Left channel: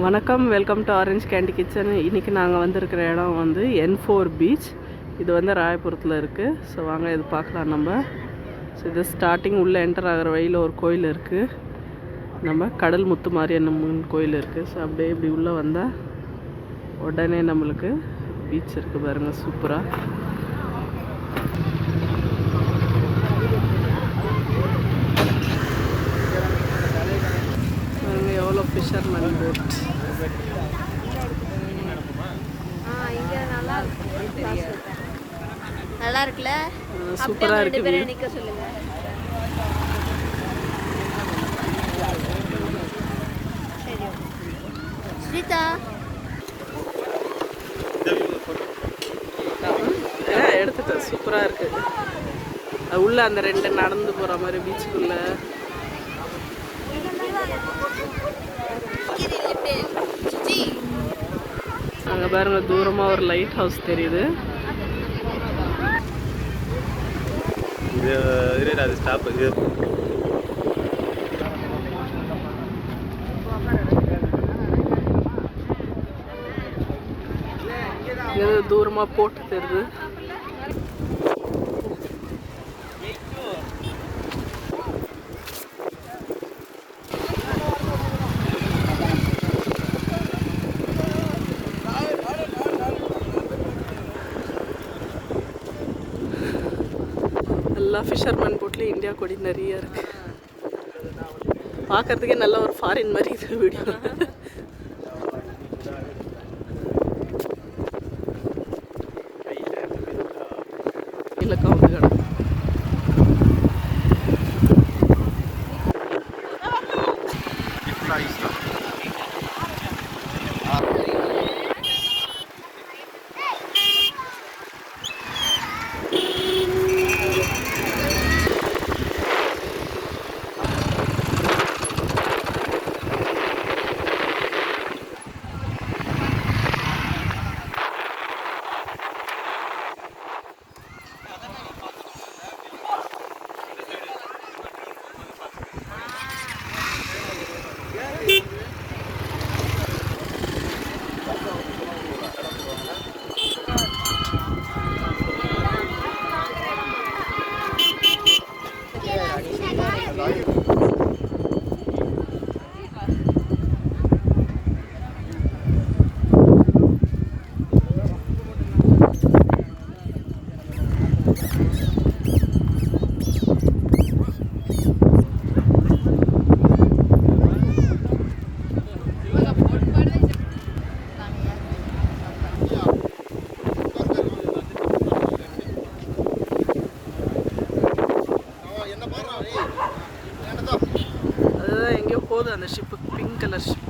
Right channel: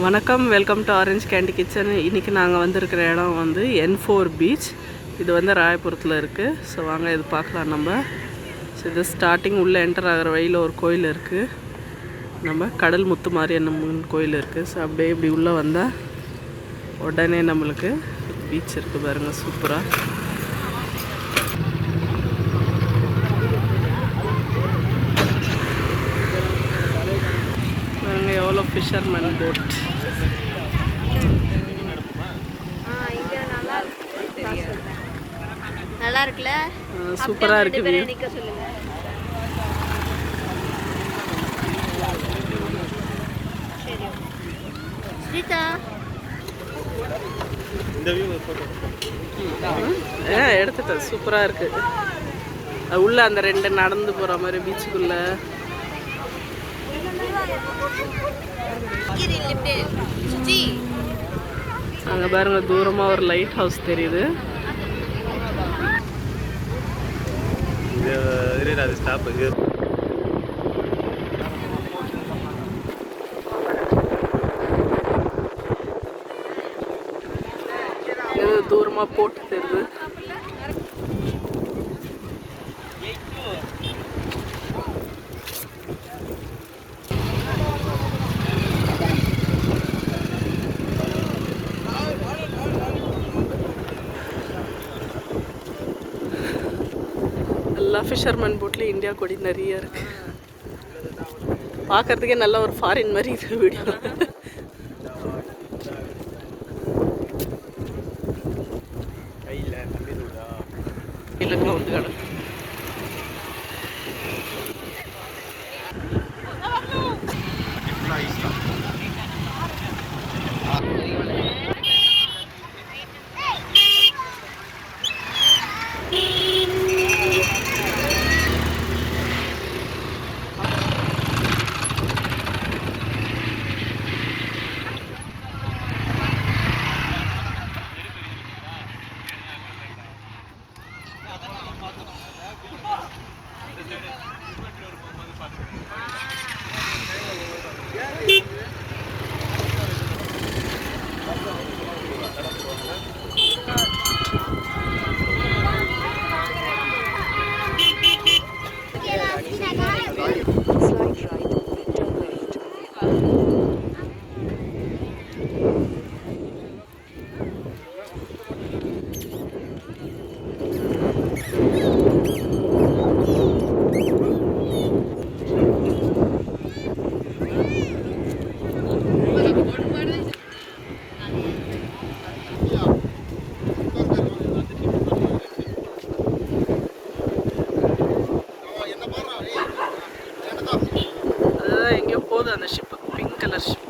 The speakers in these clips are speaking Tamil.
வணக்கம், welcome to orange candy kitchen. இன்றைக்கி நாங்கள் வந்திருக்கிற இடம் வந்து N4 பீச். இது வந்து ராயபுரத்தில் இருக்குது. ஸோ வாங்க இது பார்க்கலாம் நம்ம. ஸோ இது ஸ்டார்டிங் உள்ளே என்டர் ஆகிற வழியில் ஒரு கோயில் இருக்குது. நம்ம கடல் முத்து மாரியம்மன் கோயில் இருக்குது. ஸோ அப்படியே இப்படி உள்ளே வந்தால் உடனே நம்மளுக்கு பீச் இருக்குது பாருங்கள், சூப்பராக. பாருங்கள் எவ்வளோ ஃபிஷர்மேன் போட். நல்லா இருக்குல்ல, சூப்பராக இருக்குது வியூ. எடுத்துட்டேன், சூப்பராக இருக்குது. அது உள்ள அந்த ரெண்டு நடந்து போகிற மாதிரி பீச்சுக்குள்ள. அங்கே பாருங்க தூரமாக ஒரு லைட் ஹவுஸ் தெரியுது. தூரமாக போட்டு தெரியுது. எல்லா ஃபிஷர்மேன் போட்லேயும் இந்தியா கொடி நிறைய இருக்குது. பார்க்குறதுக்கே நல்ல ஒரு ஃபாரின் மாதிரி இது வீடியோ. இல்லைக்கா வந்து கிடக்கு. எங்கேயோ போகுது அந்த ஷிப்பு, பிங்க் கலர் ஷிப்.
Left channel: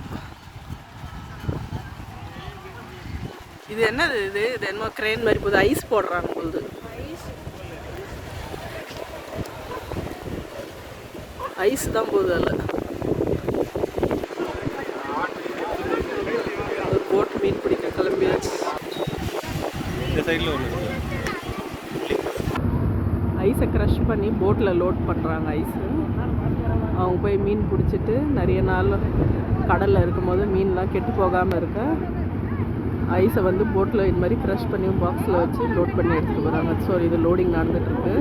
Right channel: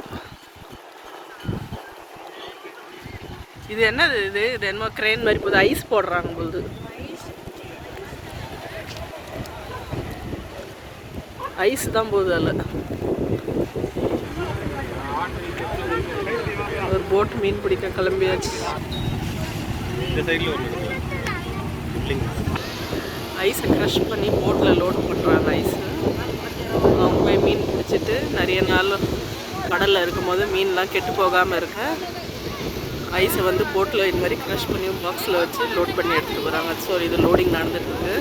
இது என்னது? இது என்னமோ கிரெயின் மாதிரி போகுது. ஐஸ் போடுறாங்க போகுது. ஐஸ் தான் போகுது. அதில் ஒரு போட் மீன் பிடிக்க கிளம்பியாச்சு. ஐஸை க்ரஷ் பண்ணி போட்டில் லோட் பண்ணுறாங்க. ஐஸு அவங்க போய் மீன் பிடிச்சிட்டு நிறைய நாள் கடலில் இருக்கும்போது மீன்லாம் கெட்டு போகாமல் இருக்க ஐஸை வந்து போட்டில் இது மாதிரி க்ரஷ் பண்ணி பாக்ஸில் வச்சு லோட் பண்ணி எடுத்துகிட்டு போகிறாங்க. ஸோ இது லோடிங் நடந்துட்டுருக்கு.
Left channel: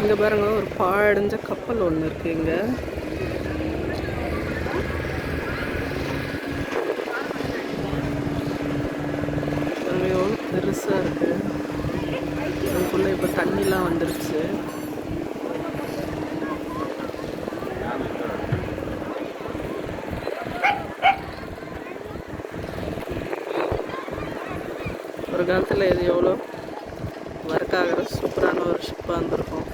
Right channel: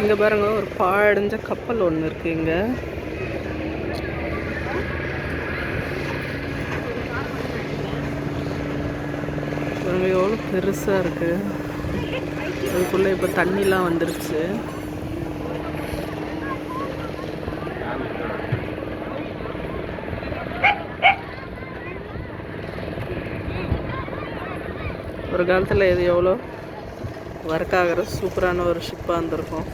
இங்கே பாருங்க ஒரு பாழடைஞ்ச கப்பல் ஒன்று இருக்குது. இங்கே பாருங்க எவ்வளோ பெருசாக இருக்குது. அதுக்குள்ளே இப்போ தண்ணிலாம் வந்துருச்சு. ஒரு காலத்தில் இது எவ்வளோ ஒர்க் ஆகிற சூப்பரான ஒரு ஷிப்பாக இருந்திருக்கும்.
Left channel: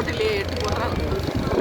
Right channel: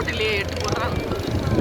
ரோட்டிலேயே எட்டு போடுறாங்க.